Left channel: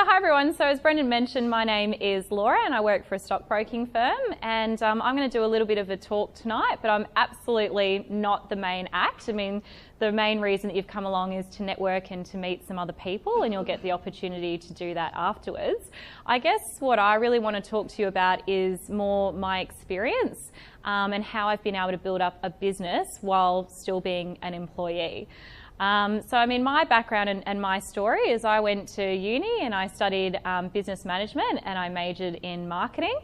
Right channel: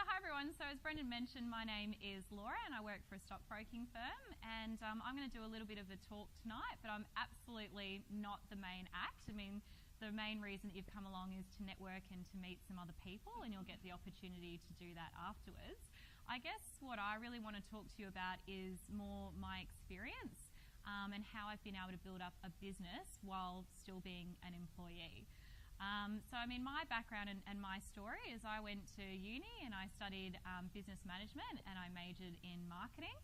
So hi everyone. So as Brendan mentioned, my name is Laura and I work for a stockbroking firm, and I'm going to do a little bit of a talk tonight, but I'm absolutely not the main act. I mean, the main reason that you've come along is to network and to meet some other people, and you'll get the opportunity to do that afterwards. I guess what I really want to talk to you about is more my experience and how I've been able to build up a business while still being an employee. So I mean, my background and my story is I went to uni and I studied business management and I majored in marketing.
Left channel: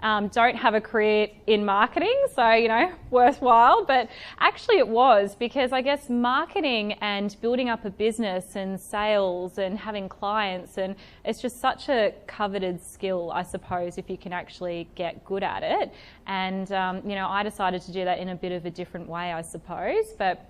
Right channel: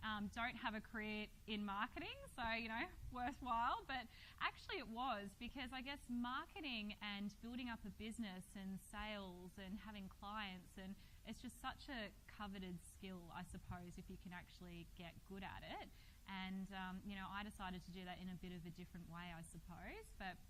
Don't have a career in marketing, so, you know, worthwhile, but actually it was because I guess marketing and building up a business and sales and having clients, and it's just such a coveted skill, I suppose, if you can actually get good at it. And, you know, I decided to do that in a bit of a different way, I suppose, but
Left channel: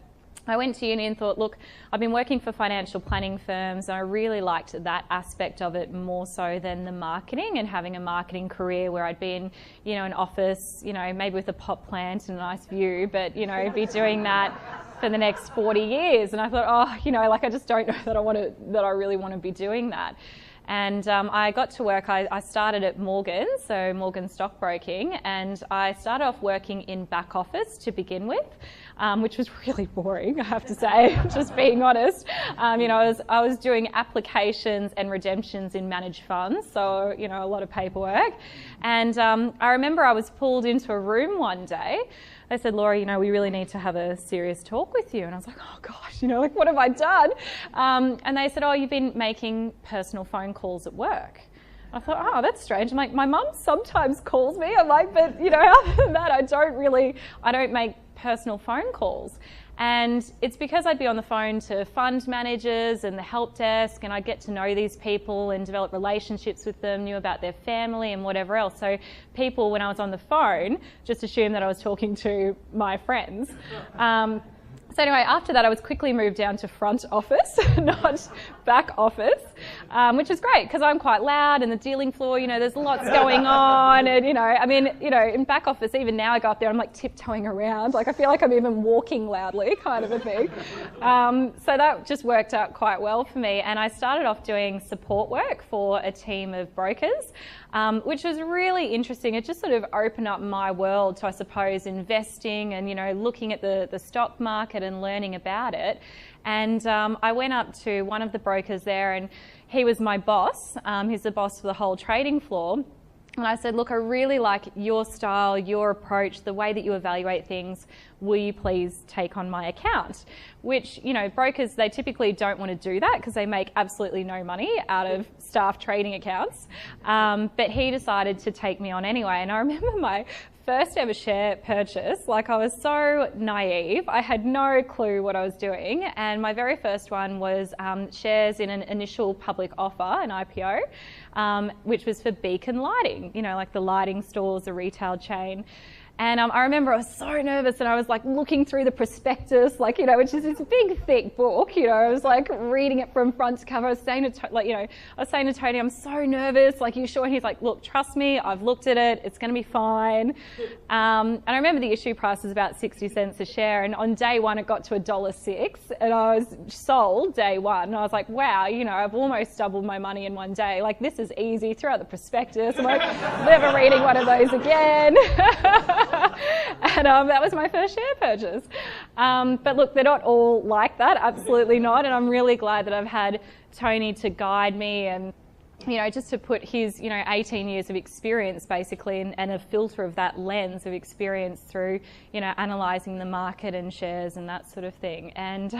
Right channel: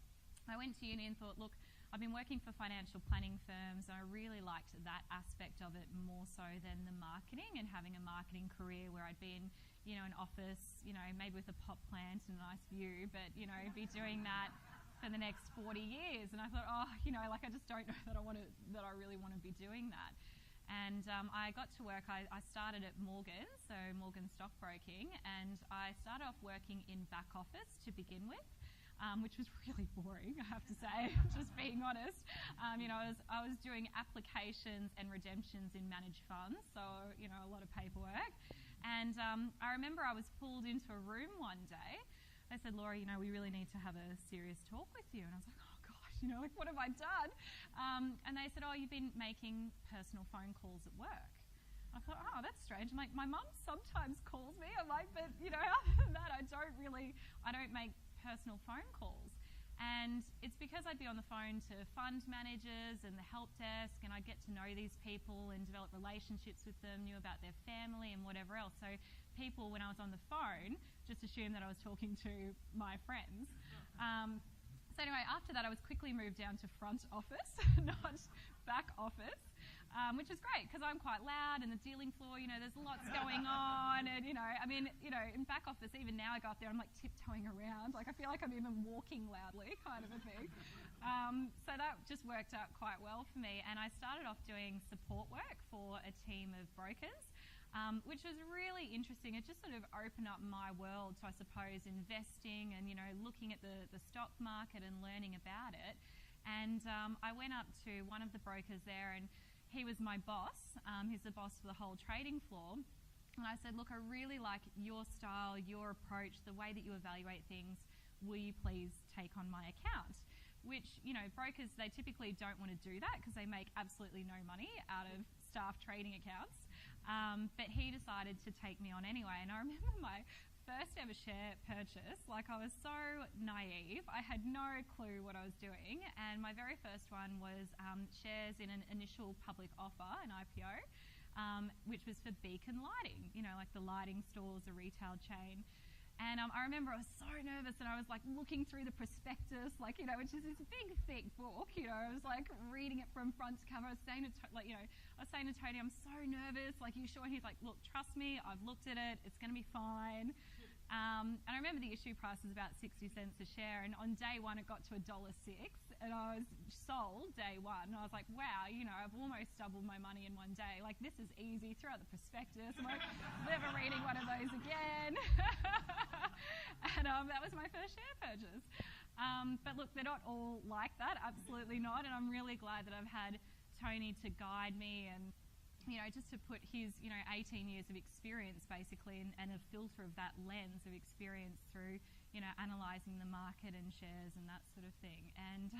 I went to uni and thought, look, I've been working for financial planning firms and I really liked that aspect of it more so than the marketing and having a marketing career where I'd be in, you know, an office, you know, maybe with a pot plant and a nice view, but, you know, be doing that for the next 40 years. And I thought, oh, you know, like I just don't know that I really want to be doing that. And I got to work, I started at Morgan, so Morgan Stockbroking, and I started off working in back office to begin with, which was really boring, I have to say, just being honest. You know, I was doing applications and redemptions in managed funds, so, you know, a lot of paperwork. And I remember I was pulled into a room one day. They said, Laura, you know, we really need to have a serious talk with you. And I was like, oh gosh, you know, like what have I done? And they said, oh, you've been making personal phone calls at work. I thought, oh, that's strange. I'm like, my mum sometimes calls me. I'm like, but, you know, other than that, I don't make personal phone calls. And it's because I'd be on the phone to fund managers and the help desk, and I'd get to know these people and develop relationships with them, knew about their family and whatever else. So people, when I was on the phone, just assumed that I was talking to my friends. So anyway, after that, I was quickly moved down to front office, not back office, which is great because I'm quite loud and the dealing floor, you know, there's lots going on. And, you know, I mean, you know, in back office, even now I go up there, I'm like tiptoeing around. Like I feel like I'm even walking loudly kind of a thing. So that just worked out quite well for me. And I started off doing support work for a team of brokers, which was really interesting. It just sort of opened up my world to, I suppose, investing and, you know, looking at the stock market and learning about it. And I went up to one of the brokers there and he was my boss. He's the boss for the whole trading floor. And I said, look, I really like your style, your approach, the way that you evaluate things. Will you please take on my account? Which, you know, brokers, they typically don't want to do that because they make absolutely no money out of staff trading accounts. But he decided to take me on anyway. And I remember my first ever share purchase, like I was so naive. I had no clue what I was doing. And my very first one was shares in an initial public offer, an IPO, which was for Beacon Lighting, you know, like the lighting stores, the retail chain. And I remember I was so nervous and I was like looking through the prospectus, like, you know, which is this big, thick book, you know, I was like reading it from front to cover. I was saying to Tony, I'm so nervous, like, you sure? And he's like, look, trust me, I've looked at it, it's going to be fine. And I remember the issue price was about 60 cents a share. And on day one, it got to $1.06 and I was sold day one. And I was like, wow, you know, I've almost doubled my money in one day. Like, this is easy. Throw out the prospectus. I'm like, never reading one of those again. And that was my first share purchase. But look, they're not all like that, absolutely not. And I'm really glad that I've had Tony to guide me and, you know, just to put his, you know, 18 years of experience basically and a filter of that lens of experience through, you know, analysing the market and shares and that sort of thing. And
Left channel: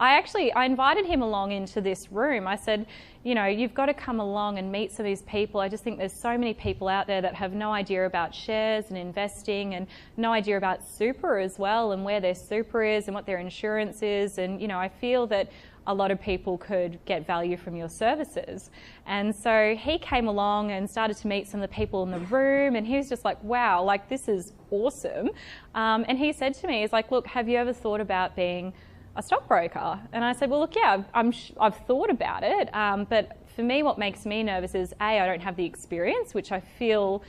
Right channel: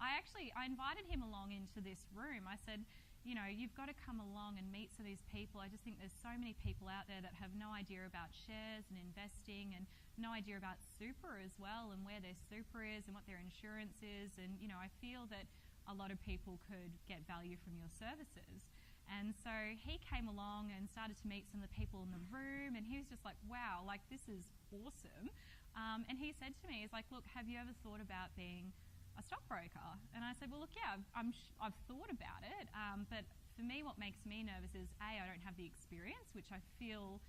I invited him along into this room. I said, you know, you've got to come along and meet some of these people. I just think there's so many people out there that have no idea about shares and investing and no idea about super as well and where their super is and what their insurance is. And, you know, I feel that a lot of people could get value from your services. And so he came along and started to meet some of the people in the room and he was just like, wow, like this is awesome. And he said to me, he's like, look, have you ever thought about being a stockbroker? And I said, well, look, yeah, I've thought about it. But for me, what makes me nervous is A, I don't have the experience, which I feel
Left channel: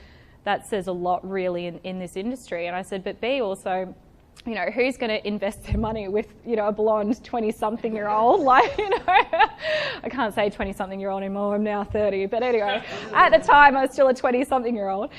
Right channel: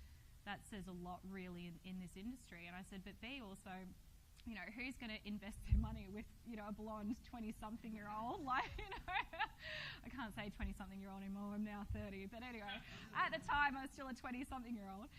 that says a lot really in this industry. And I said, but B, also, you know, who's going to invest their money with, you know, a blonde 20-something-year-old? Like, you know, I can't say 20-something-year-old anymore. I'm now 30. But anyway, at the time, I was still a 20-something-year-old.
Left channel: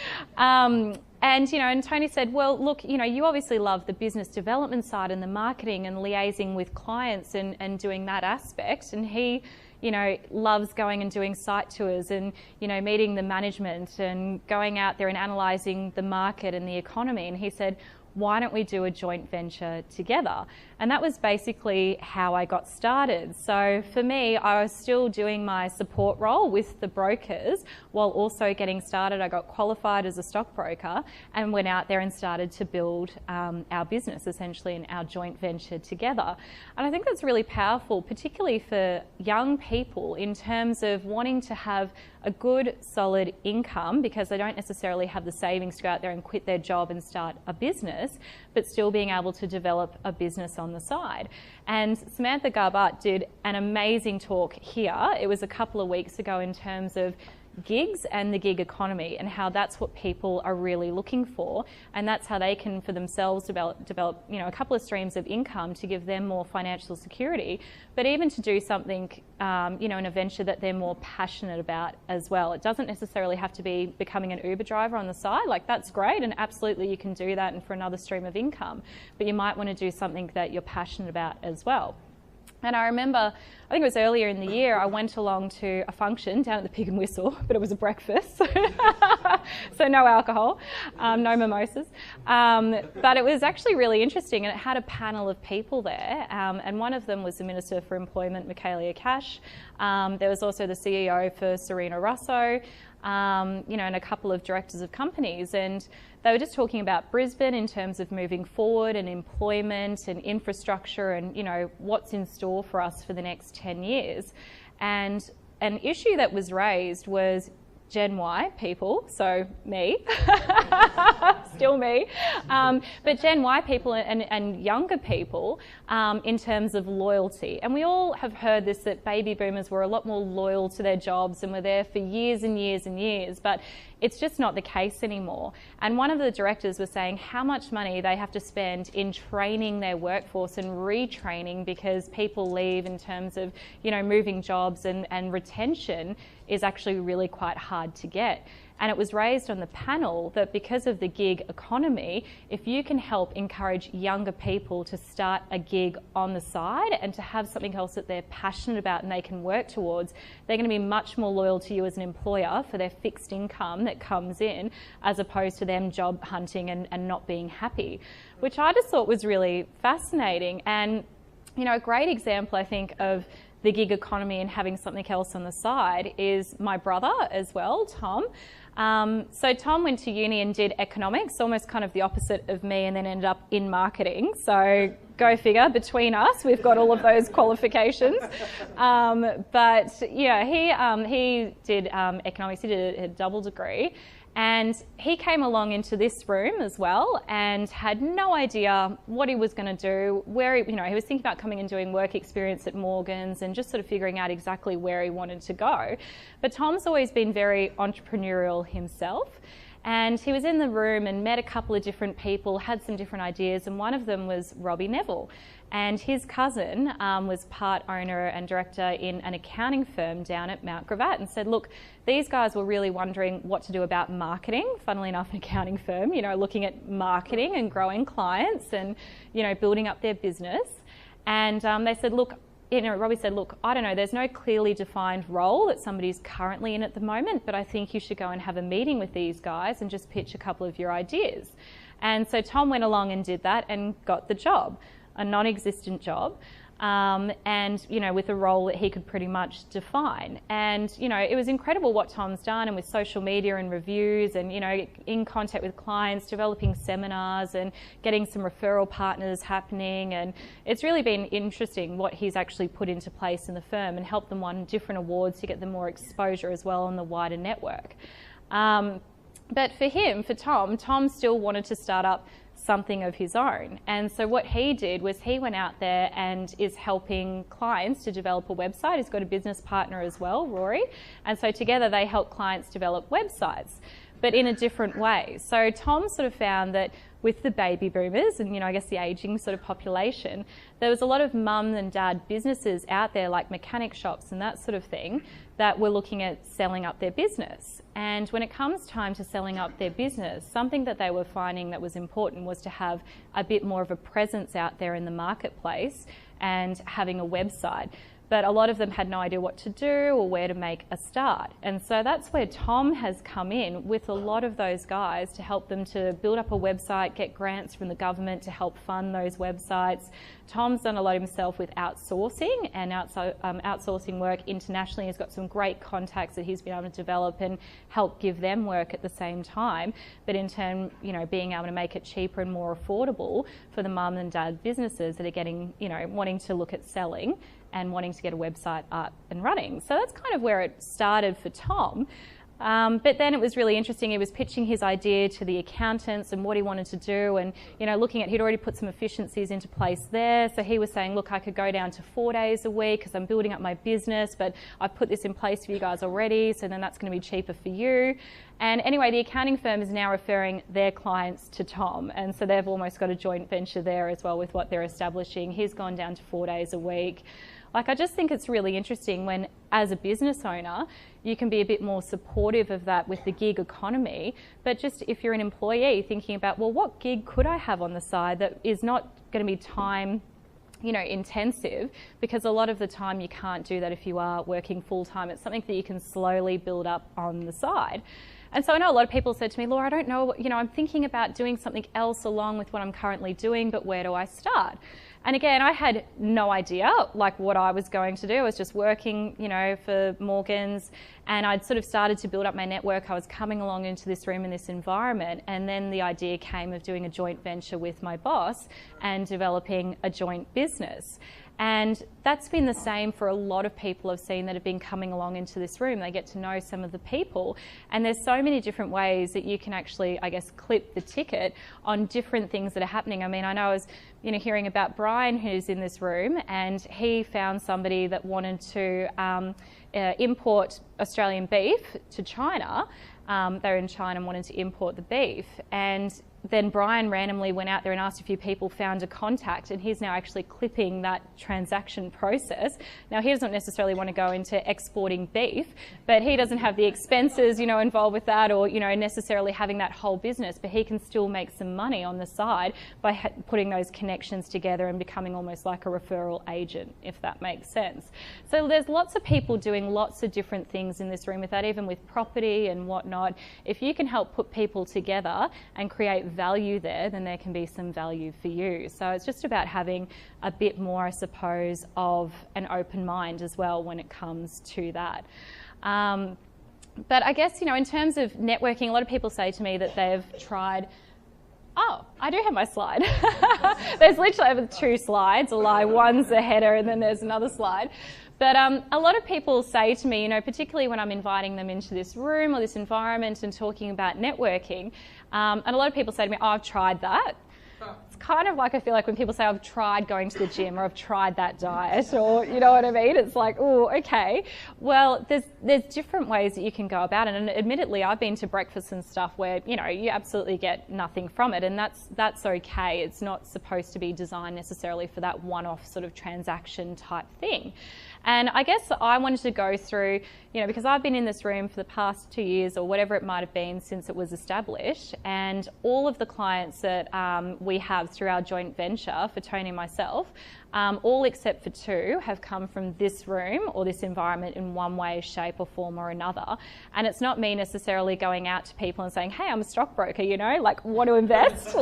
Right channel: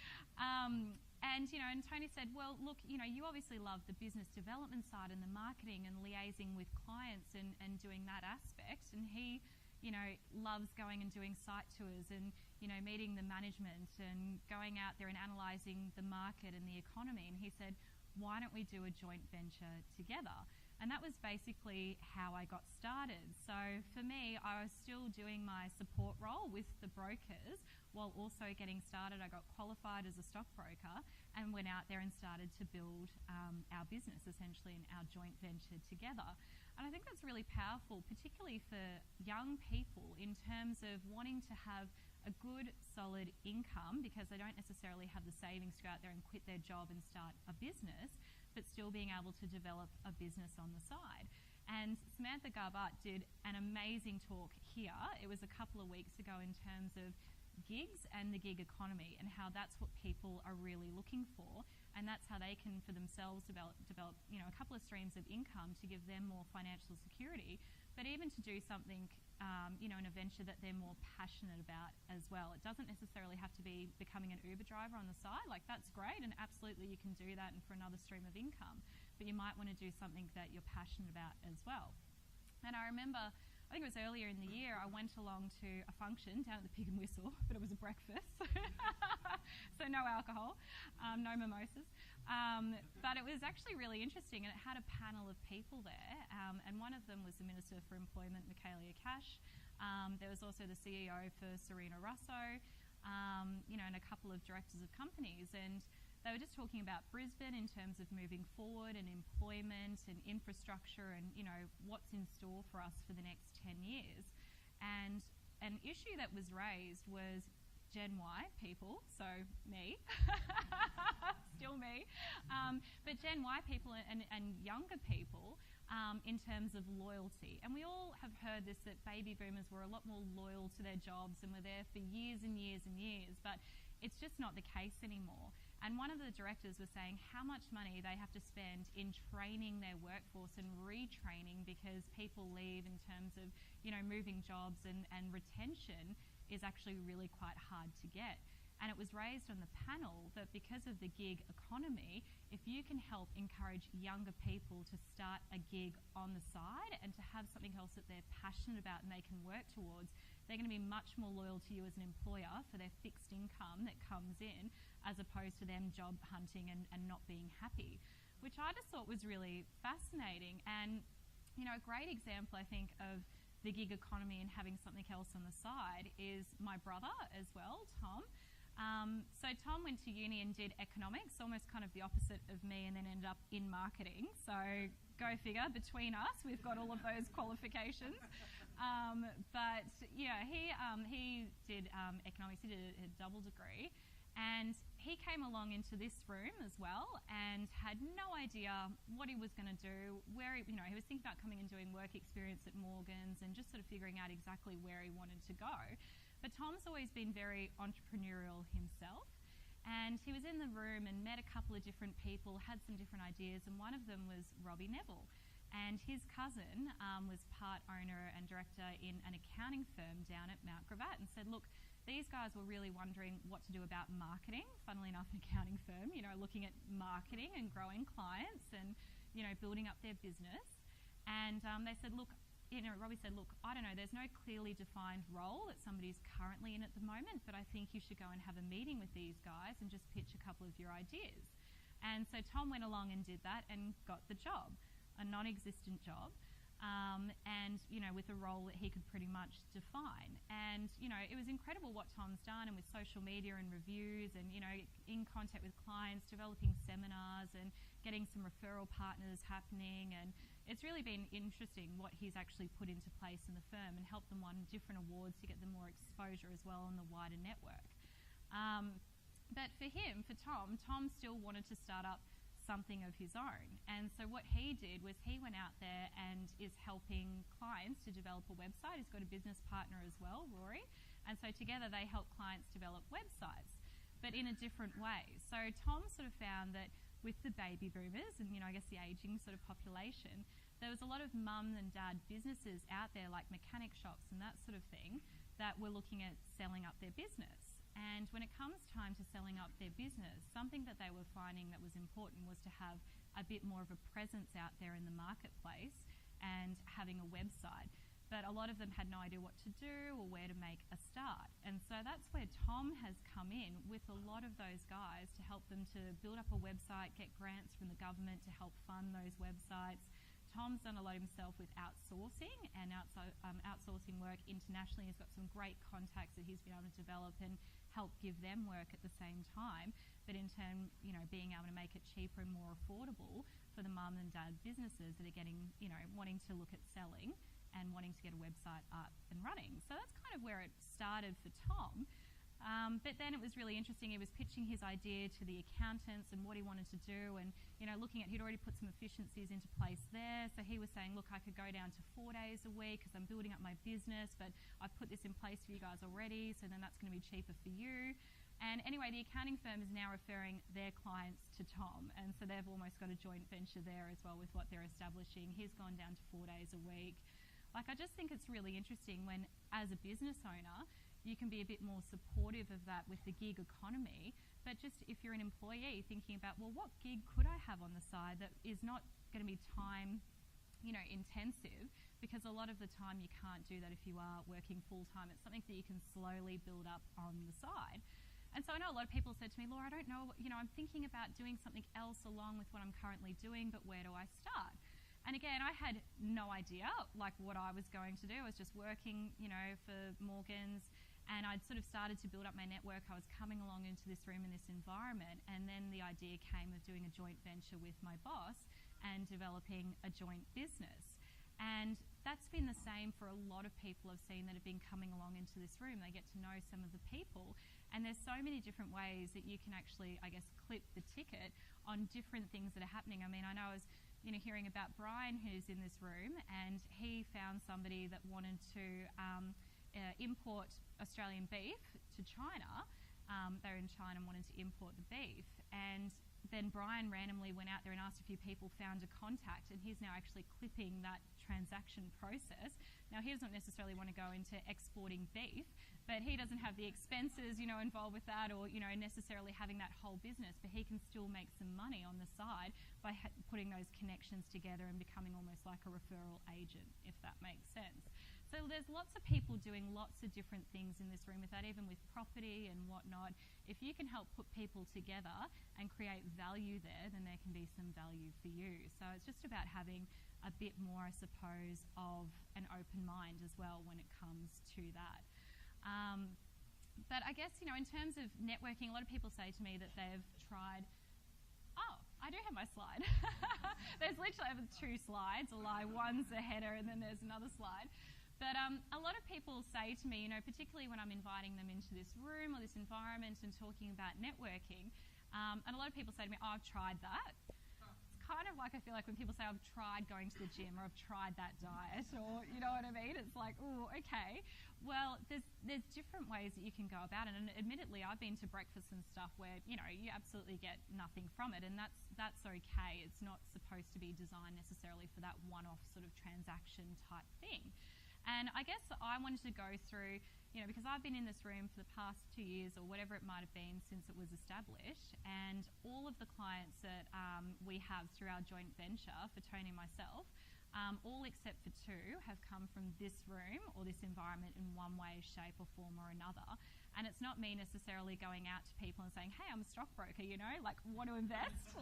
And, you know, and Tony said, well, look, you know, you obviously love the business development side and the marketing and liaising with clients and doing that aspect. And he, you know, loves going and doing site tours and, you know, meeting the management and going out there and analysing the market and the economy. And he said, why don't we do a joint venture together? And that was basically how I got started. So for me, I was still doing my support role with the brokers while also getting started. I got qualified as a stockbroker and went out there and started to build our business essentially in our joint venture together. And I think that's really powerful, particularly for young people in terms of wanting to have a good, solid income because they don't necessarily have the savings to go out there and quit their job and start a business, but still being able to develop a business on the side. And Samantha Garbart did an amazing talk here. It was a couple of weeks ago in terms of gigs and the gig economy and how that's what people are really looking for, and that's how they can for themselves develop you know, a couple of streams of income to give them more financial security, but even to do something you know, in a venture that they're more passionate about as well. It doesn't necessarily have to be becoming an Uber driver on the side. Like, that's great, and absolutely you can do that and for another stream of income, but you might want to do something that you're passionate about as well. And I remember, I think it was earlier in the year, I went along to a function down at the Pig and Whistle, but it was a breakfast, so no alcohol, no mimosas. But it was actually really interesting, and it had a panel of people there, and one of them was the Minister for Employment, Michaelia Cash. There was also the CEO for Serena Russo, you know, and a couple of directors of companies, and they were just talking about Brisbane in terms of moving forward and employment and infrastructure and, you know, what's in store for us for the next 10 years. And an issue that was raised was Gen Y people, so me, still me, but Gen Y people and younger people in terms of loyalty. And we all have heard this, that baby boomers were a lot more loyal to their jobs and were there for years and years and years, but it's just not the case anymore. And one of the directors was saying how much money they have to spend in training their workforce and retraining because people leave in terms of, you know, moving jobs, and retention is actually really quite hard to get. And it was raised on the panel that because of the gig economy, if you can help encourage younger people to start a gig on the side and to have something else that they're passionate about and they can work towards, they're going to be much more loyal to you as an employer for their fixed income that comes in, as opposed to them job hunting and not being happy, which I just thought was really fascinating. And, you know, a great example, I think, of the gig economy and having something else on the side is my brother as well, Tom. So Tom went to uni and did economics, almost kind of the opposite of me, and then ended up in marketing. So go figure, between us, we've got all of those qualifications. But yeah, he did economics, he did a double degree. And he came along into this room as well and had no idea what he was going to do, where he, you know, he was thinking about coming and doing work experience at Morgan's and just sort of figuring out exactly where he wanted to go. But Tom's always been very entrepreneurial himself. And he was in the room and met a couple of different people, had some different ideas, and one of them was Robbie Neville. And his cousin was part owner and director in an accounting firm down at Mount Gravatt, and said, look, these guys were really wondering what to do about marketing. Funnily enough, an accounting firm, you know, looking at marketing and growing clients and, you know, building up their business. And they said, look, you know, Robbie said, look, I don't know, there's no clearly defined role that somebody's currently in at the moment, but I think you should go and have a meeting with these guys and just pitch a couple of your ideas. And so Tom went along and did that and got the job, a non-existent job, and, you know, with a role that he could pretty much define. And, you know, it was incredible what Tom's done, and with social media and reviews and, you know, in contact with clients, developing seminars and getting some referral partners happening. And it's really been interesting what he's actually put into place in the firm and helped them win different awards to get them more exposure as well on the wider network. But for him, for Tom still wanted to start up something of his own. And so what he did was he went out there and is helping clients to develop a website. He's got a business partner as well, Rory. And so together they help clients develop websites, but in a different way. So Tom sort of found that with the baby boomers and, I guess the ageing sort of population, there was a lot of mum and dad businesses out there like mechanic shops and that sort of thing that were looking at selling up their business. And when it comes time to selling up their business, something that they were finding that was important was to have a bit more of a presence out there in the marketplace and having a website. But a lot of them had no idea what to do or where to make a start. And so that's where Tom has come in with a lot of those guys to help them to build up a website, get grants from the government to help fund those websites. Tom's done a lot himself with outsourcing and outsourcing work internationally. He's got some great contacts that he's been able to develop and help give them work at the same time. But in turn, being able to make it cheaper and more affordable for the mum and dad businesses that are getting, wanting to look at selling and wanting to get a website up and running. So that's kind of where it started for Tom. But then it was really interesting. He was pitching his idea to the accountants and what he wanted to do, and looking at, he'd already put some efficiencies into place there. So he was saying, look, I could go down to 4 days a week because I'm building up my business, but I've put this in place for you guys already, so then that's going to be cheaper for you. And anyway, the accounting firm is now referring their clients to Tom, and so they've almost got a joint venture there as well with what they're establishing. He's gone down to 4 days a week. I just think it's really interesting when, as a business owner, you can be a bit more supportive of that with the gig economy. But just if you're an employee, thinking about, well, what gig could I have on the side that is not going to be time, intensive? Because a lot of the time you can't do that if you are working full time. It's something that you can slowly build up on the side. And so I know a lot of people said to me, Laura, I don't know, I'm thinking about doing something else along with what I'm currently doing, but where do I start? And again, I had no idea what I was going to do. I was just working, for Morgans, and I'd sort of started to build up my network. I was coming along into this room in this environment, and then the idea came of doing a joint venture with my boss and developing a joint business. And that's been the same for a lot of people I've seen that have been coming along into this room. They get to know some of the people, and there's so many different ways that you can actually, clip the ticket on different things that are happening. I mean, I know I was, hearing about Brian, who's in this room, and he found somebody that wanted to import Australian beef to China. They're in China and wanted to import the beef, and then Brian randomly went out there and asked a few people, found a contact, and he's now actually clipping that transaction process. Now, he doesn't necessarily want to go into exporting beef, but he doesn't have the expenses, involved with that, or, necessarily having that whole business, but he can still make some money on the side by putting those connections together and becoming almost like a referral agent, if that makes sense. So there's lots of people doing lots of different things in this room with that, even with property and whatnot. If you can help put people together and create value there, then there can be some value for you. So it's just about having a bit more, I suppose, of an open mind as well when it comes to that. But I guess, in terms of networking, a lot of people say to me that they've tried. Oh, I do have my slide. There's literally 2 slides, a lie. One's a header and then there's another slide. But a lot of people say to me, particularly when I'm inviting them into this room or this environment and talking about networking, and a lot of people say to me, oh, I've tried that. It's kind of like, I feel like when people say, I've tried going to the gym or I've tried that diet, or you know what I mean? It's like, oh, okay. Well, there's different ways that you can go about it. And admittedly, I've been to breakfasts and stuff where, you absolutely get nothing from it. And that's okay. It's not supposed to be designed necessarily for that one-off sort of transaction type thing. And I guess I wanted to go through, because I've been in this room for the past 2 years or whatever it might have been since it was established, and all of the clients that we have through our joint venture for Tony and myself, all except for 2 have come from this room or this environment in one way, shape or form or another. And it's not me necessarily going out to people and saying, hey, I'm a stockbroker, want to invest?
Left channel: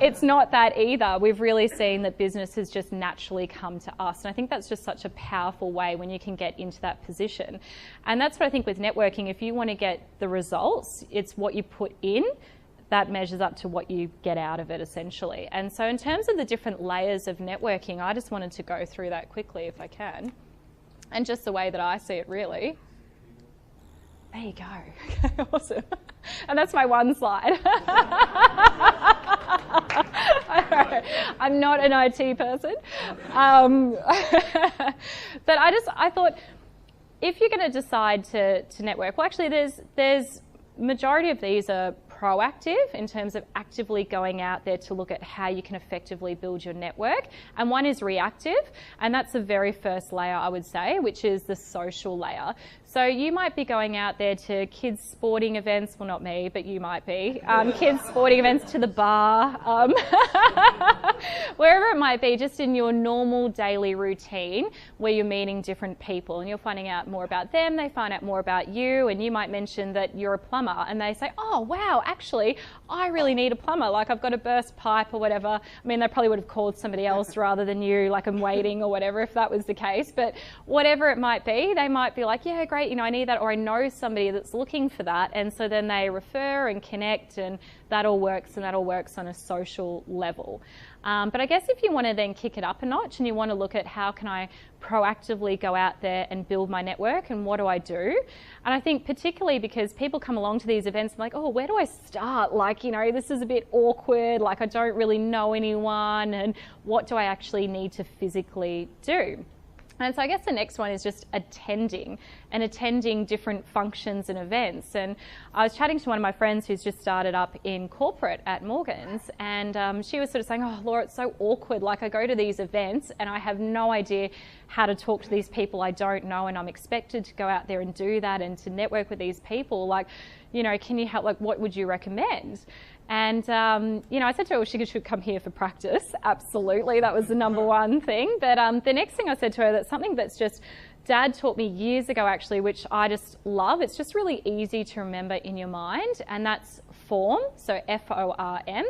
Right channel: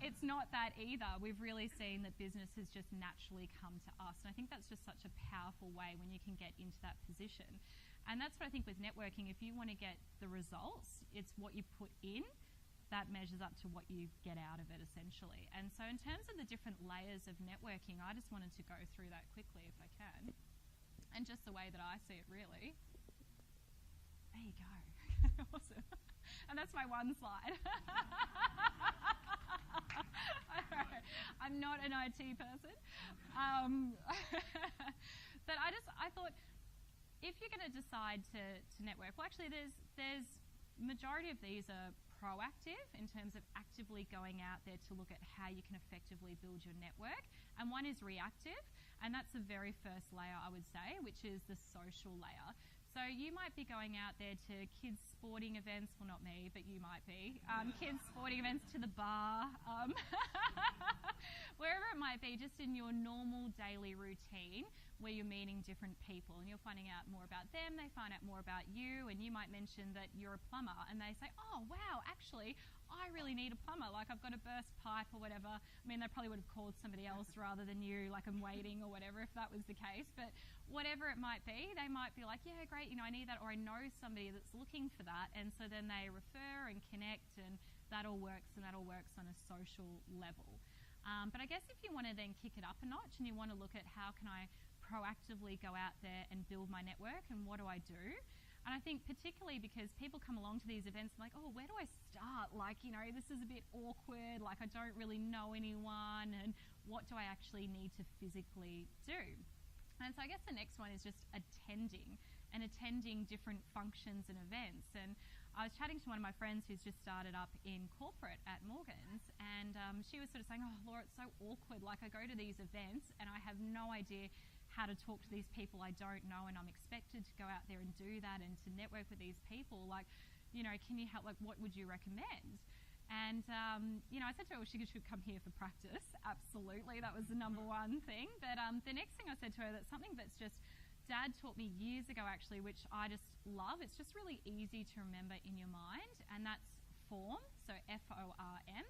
It's not that either. We've really seen that business has just naturally come to us. And I think that's just such a powerful way when you can get into that position. And that's what I think with networking. If you want to get the results, it's what you put in that measures up to what you get out of it, essentially. And so in terms of the different layers of networking, I just wanted to go through that quickly if I can. And just the way that I see it, really. There you go. Okay, awesome. And that's my one slide. I'm not an IT person. But I thought, if you're going to decide to network, well, actually there's majority of these are proactive in terms of actively going out there to look at how you can effectively build your network. And one is reactive, and that's the very first layer, I would say, which is the social layer. So you might be going out there to kids' sporting events, well, not me, but you might be, kids' sporting events, to the bar, wherever it might be, just in your normal daily routine where you're meeting different people and you're finding out more about them, they find out more about you, and you might mention that you're a plumber and they say, oh, wow, actually, I really need a plumber, like I've got a burst pipe or whatever. I mean, they probably would have called somebody else rather than you, like I'm waiting or whatever, if that was the case, but whatever it might be, they might be like, yeah, great, you know, I need that, or I know somebody that's looking for that, and so then they refer and connect, and that all works, and that all works on a social level. But I guess if you want to then kick it up a notch and you want to look at how can I proactively go out there and build my network, and what do I do? And I think particularly because people come along to these events and like, oh, where do I start? Like, you know, this is a bit awkward, like I don't really know anyone, and what do I actually need to physically do? And so I guess the next one is just attending different functions and events. And I was chatting to one of my friends who's just started up in corporate at Morgans, and she was sort of saying, oh, Laura, it's so awkward. Like I go to these events and I have no idea how to talk to these people I don't know, and I'm expected to go out there and do that and to network with these people. Like, you know, can you help? Like, what would you recommend? And, you know, I said to her, well, she should come here for practice. Absolutely, that was the number one thing. But the next thing I said to her, that's something that's just, Dad taught me years ago actually, which I just love. It's just really easy to remember in your mind, and that's FORM, so F-O-R-M.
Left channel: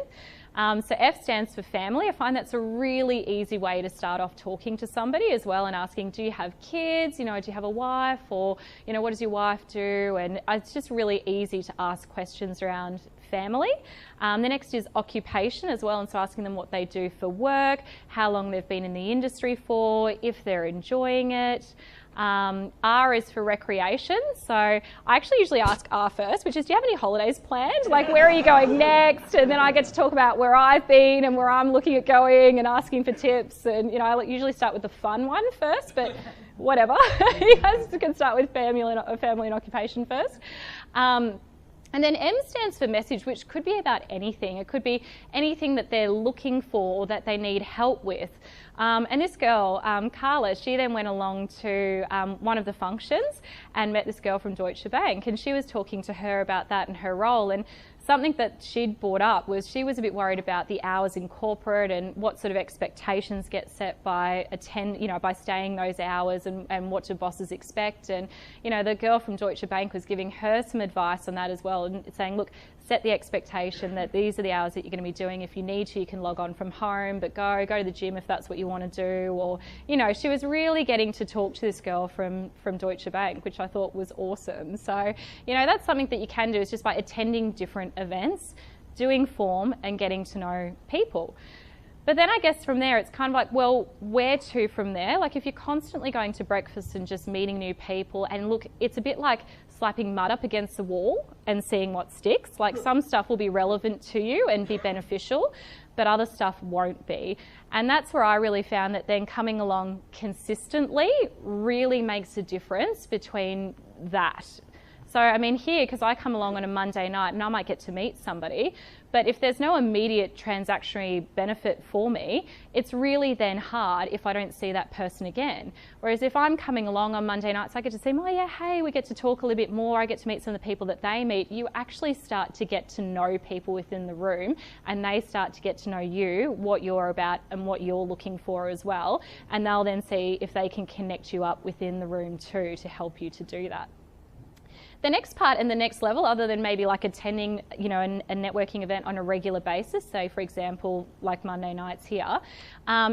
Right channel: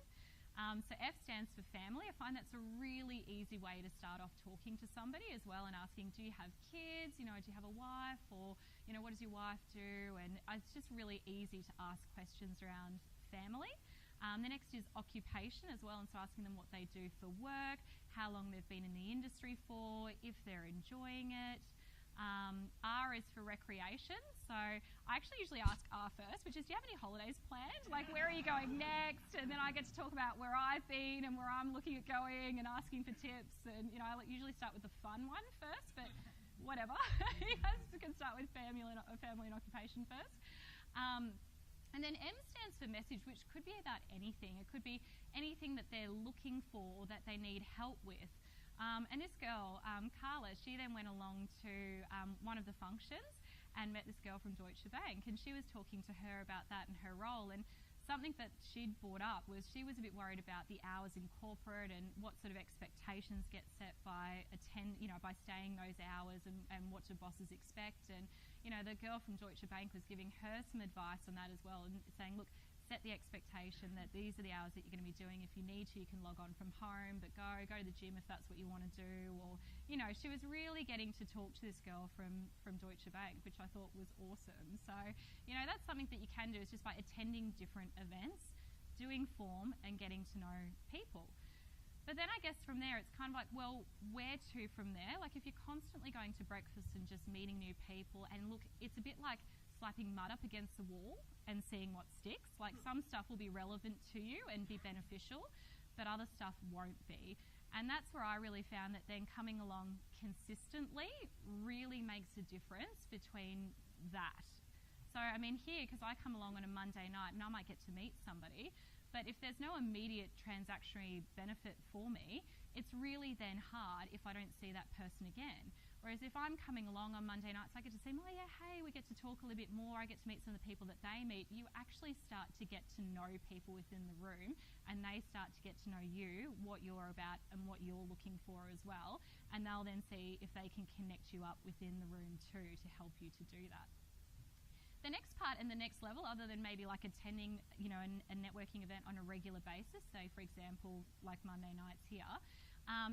So F stands for family. I find that's a really easy way to start off talking to somebody as well, and asking, do you have kids? You know, do you have a wife? Or, you know, what does your wife do? And it's just really easy to ask questions around family. The next is occupation as well, and so asking them what they do for work, how long they've been in the industry for, if they're enjoying it. R is for recreation, so I actually usually ask R first, which is, do you have any holidays planned? Like, where are you going next? And then I get to talk about where I've been and where I'm looking at going and asking for tips. And, you know, I usually start with the fun one first, but whatever. You guys can start with family and occupation first. And then M stands for message, which could be about anything. It could be anything that they're looking for or that they need help with. And this girl, Carla, she then went along to one of the functions and met this girl from Deutsche Bank, and she was talking to her about that and her role. And something that she'd brought up was she was a bit worried about the hours in corporate and what sort of expectations get set by by staying those hours, and what do bosses expect. And, you know, the girl from Deutsche Bank was giving her some advice on that as well, and saying, look, set the expectation that these are the hours that you're going to be doing. If you need to, you can log on from home, but go to the gym if that's what you want to do. Or, you know, she was really getting to talk to this girl from Deutsche Bank, which I thought was awesome. So, you know, that's something that you can do, is just by attending different events, doing form and getting to know people. But then I guess from there, it's kind of like, well, where to from there? Like if you're constantly going to breakfast and just meeting new people, and look, it's a bit like slapping mud up against the wall and seeing what sticks. Like some stuff will be relevant to you and be beneficial, but other stuff won't be. And that's where I really found that then coming along consistently really makes a difference between that. So, I mean, here, because I come along on a Monday night and I might get to meet somebody, but if there's no immediate transactionary benefit for me, it's really then hard if I don't see that person again. Whereas if I'm coming along on Monday nights, I get to see them, oh yeah, hey, we get to talk a little bit more, I get to meet some of the people that they meet. You actually start to get to know people within the room, and they start to get to know you, what you're about and what you're looking for as well. And they'll then see if they can connect you up within the room too to help you to do that. The next part and the next level, other than maybe like attending, you know, a networking event on a regular basis, say for example, like Monday nights here,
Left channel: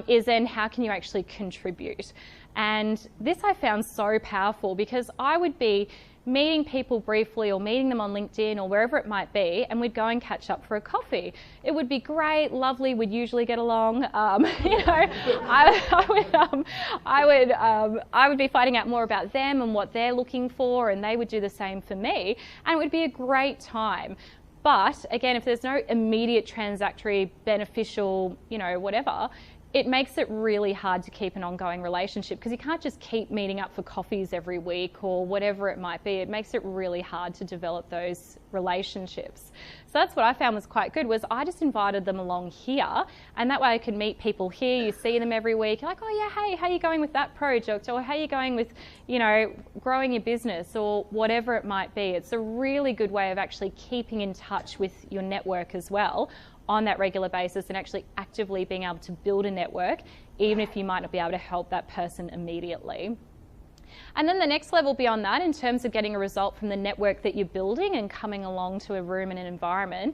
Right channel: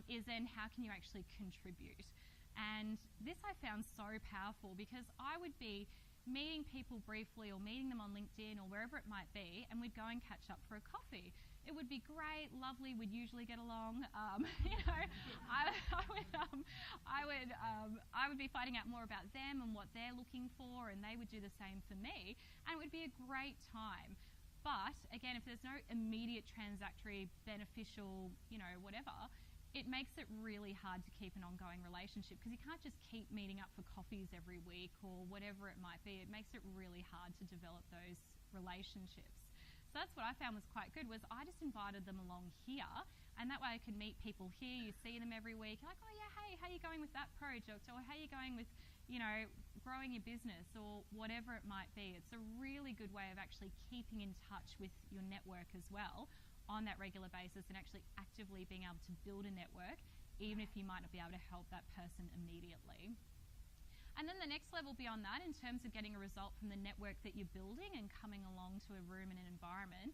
is then how can you actually contribute? And this I found so powerful, because I would be meeting people briefly or meeting them on LinkedIn or wherever it might be, and we'd go and catch up for a coffee. It would be great, lovely, we'd usually get along. You know, I would be finding out more about them and what they're looking for, and they would do the same for me, and it would be a great time. But again, if there's no immediate transactory, beneficial, you know, whatever, it makes it really hard to keep an ongoing relationship because you can't just keep meeting up for coffees every week or whatever it might be. It makes it really hard to develop those relationships. So that's what I found was quite good, was I just invited them along here, and that way I could meet people here. You see them every week. You're like, oh yeah, hey, how are you going with that project? Or how are you going with, you know, growing your business or whatever it might be. It's a really good way of actually keeping in touch with your network as well on that regular basis and actually actively being able to build a network, even if you might not be able to help that person immediately. And then the next level beyond that, in terms of getting a result from the network that you're building and coming along to a room and an environment,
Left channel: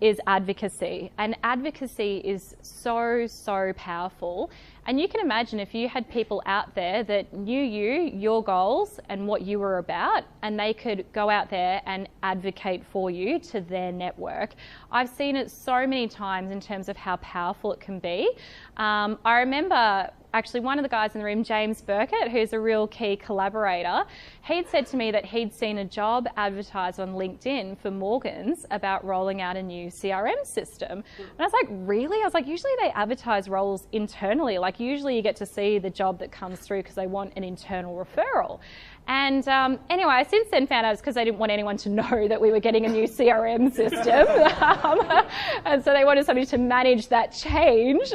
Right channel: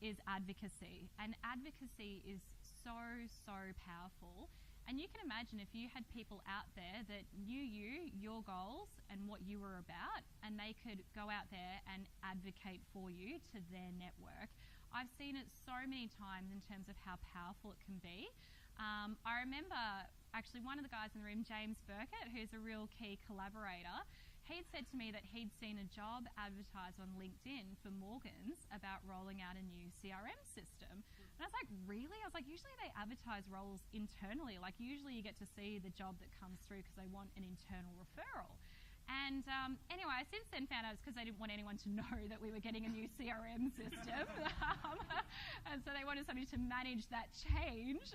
is advocacy. And advocacy is so, so powerful. And you can imagine if you had people out there that knew you, your goals, and what you were about, and they could go out there and advocate for you to their network. I've seen it so many times in terms of how powerful it can be. I remember actually one of the guys in the room, James Burkett, who's a real key collaborator, he'd said to me that he'd seen a job advertised on LinkedIn for Morgans about rolling out a new CRM system. And I was like, really? I was like, usually they advertise roles internally. Like usually you get to see the job that comes through because they want an internal referral. And anyway, I since then found out it's because they didn't want anyone to know that we were getting a new CRM system. And so they wanted somebody to manage that change.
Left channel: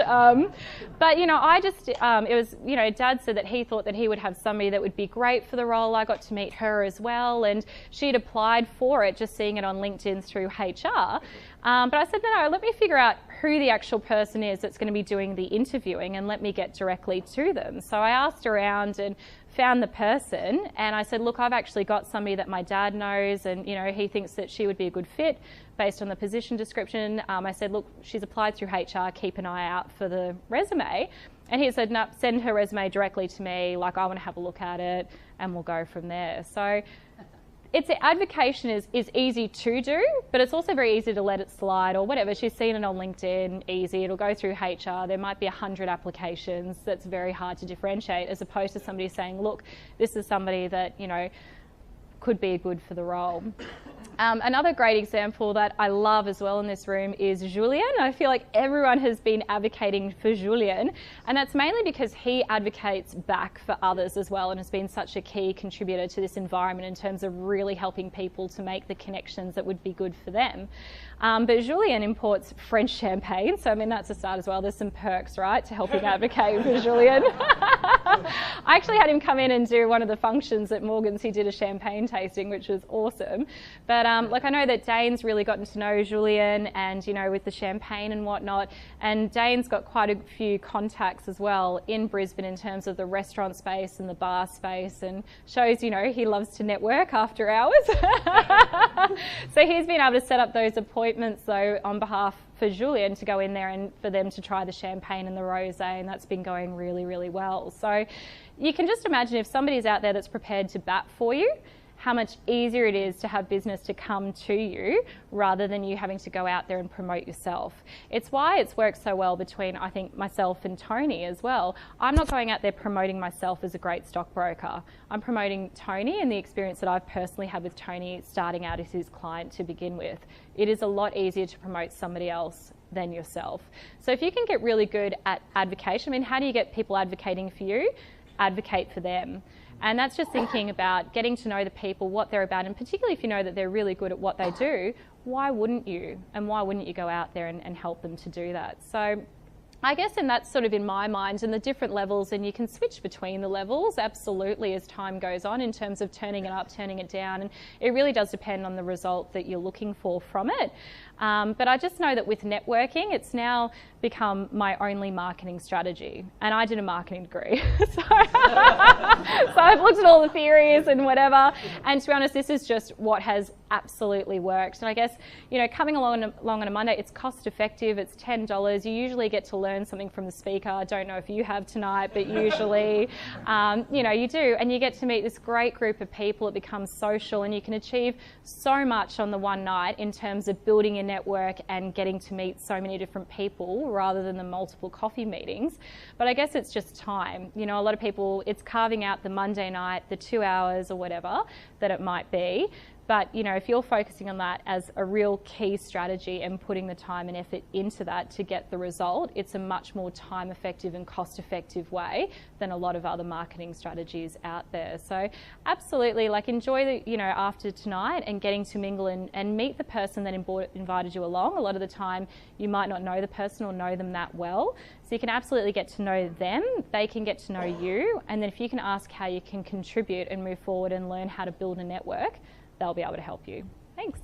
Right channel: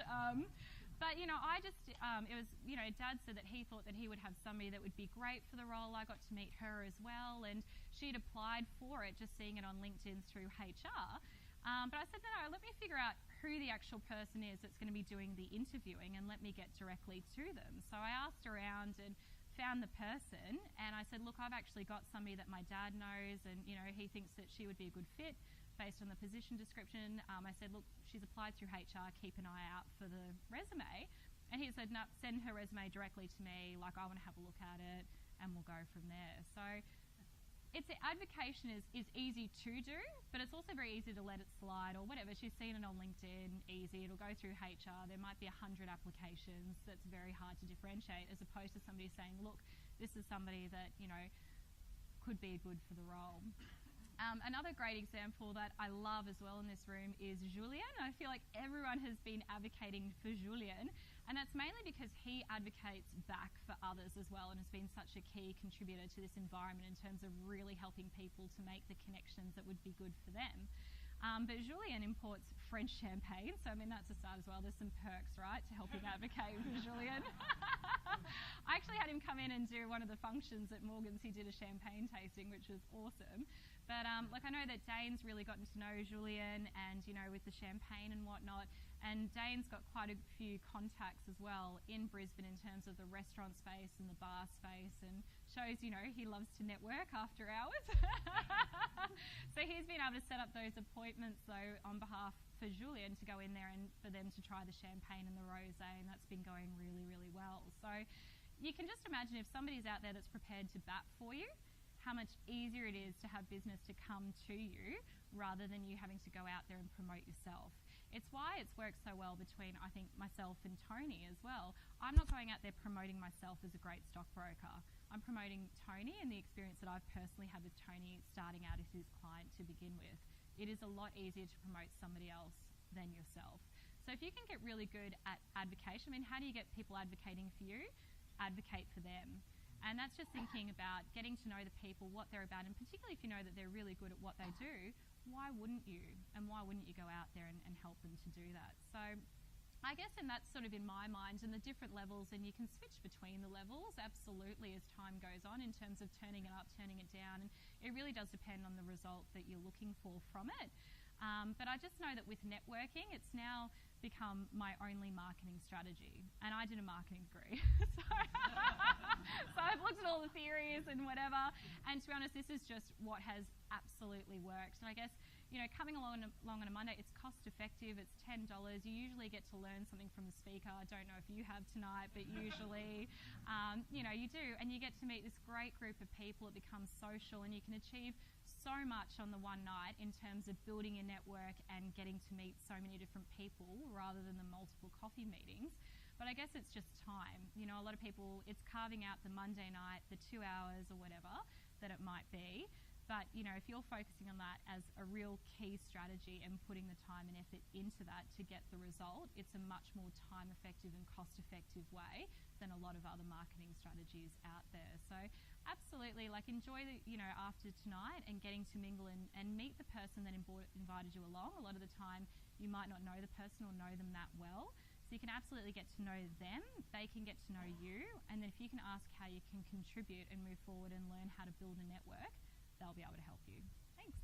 But, you know, I just, it was, you know, Dad said that he thought that he would have somebody that would be great for the role. I got to meet her as well, and she'd applied for it, just seeing it on LinkedIn through HR. But I said, no, let me figure out who the actual person is that's going to be doing the interviewing and let me get directly to them. So I asked around and found the person, and I said, look, I've actually got somebody that my dad knows, and, you know, he thinks that she would be a good fit based on the position description. I said, look, she's applied through HR, keep an eye out for the resume. And he said, no, send her resume directly to me, like I want to have a look at it, and we'll go from there. So it's advocation is easy to do, but it's also very easy to let it slide or whatever. She's seen it on LinkedIn, easy. It'll go through HR. There might be 100 applications. That's very hard to differentiate, as opposed to somebody saying, look, this is somebody that, you know, could be good for the role. Another great example that I love as well in this room is Julien. I feel like everyone has been advocating for Julien, and that's mainly because he advocates back for others as well and has been such a key contributor to this environment in terms of really helping people to make the connections that would be good for them. But Julien imports French champagne, so I mean that's a start as well. There's some perks, right, to helping advocate for Julien. I actually had him come in and do one of the functions at Morgans. He did a champagne tasting, which was awesome. But like I know that Dane's really gotten to know Julien, and you know, with the champagne and whatnot. And Dane's got quite a few contacts as well in Brisbane in terms of the restaurant space and the bar space, and shows, you know, he loves to network after hours. So he's been able to set up those appointments though on behalf for Julien to go in there and for them to try the champagne and the rosé, and that's been going really, really well. So you can just imagine if somebody's out there that's prepared to bat for you, how much easier it is to have business to come to you rather than you having to go out there and promote yourself. It's why it's worked so well between, I think, myself and Tony as well. I'm not going out there promoting myself as a great stockbroker. I'm promoting Tony and the experience that I've personally had with Tony starting out as his client to begin with. It is a lot easier to promote somebody else than yourself. So if you can get really good at advocation, I mean, how do you get people advocating for you? Advocate for them. And that's just thinking about getting to know the people, what they're about, and particularly if you know that they're really good at what they do, why wouldn't you? And why wouldn't you go out there and help them to do that? So I guess, and that's sort of in my mind, and the different levels, and you can switch between the levels absolutely as time goes on in terms of turning it up, turning it down, and it really does depend on the result that you're looking for from it. But I just know that with networking, it's now become my only marketing strategy. And I did a marketing degree. So I've looked at all the theories and whatever. And to be honest, this is just what has absolutely worked. And I guess, you know, coming along on a Monday, it's cost effective. It's $10. You usually get to learn something from the speaker. I don't know if you have tonight, but usually, you know, you do. And you get to meet this great group of people. It becomes social, and you can achieve so much on the one night in terms of building your network and getting to meet so many different people rather than the multiple coffee meetings. But I guess it's just time. You know, a lot of people, it's carving out the Monday night, the 2 hours or whatever, that it might be. But if you're focusing on that as a real key strategy and putting the time and effort into that to get the result, it's a much more time effective and cost effective way than a lot of other marketing strategies out there. So absolutely, enjoy the, after tonight and getting to mingle and meet the person that invited you along. A lot of the time you might not know the person or know them that well. So you can absolutely get to know them, they can get to know you, and then if you can ask how you can contribute and move forward and learn how to build a network, they'll be able to help you. Thanks.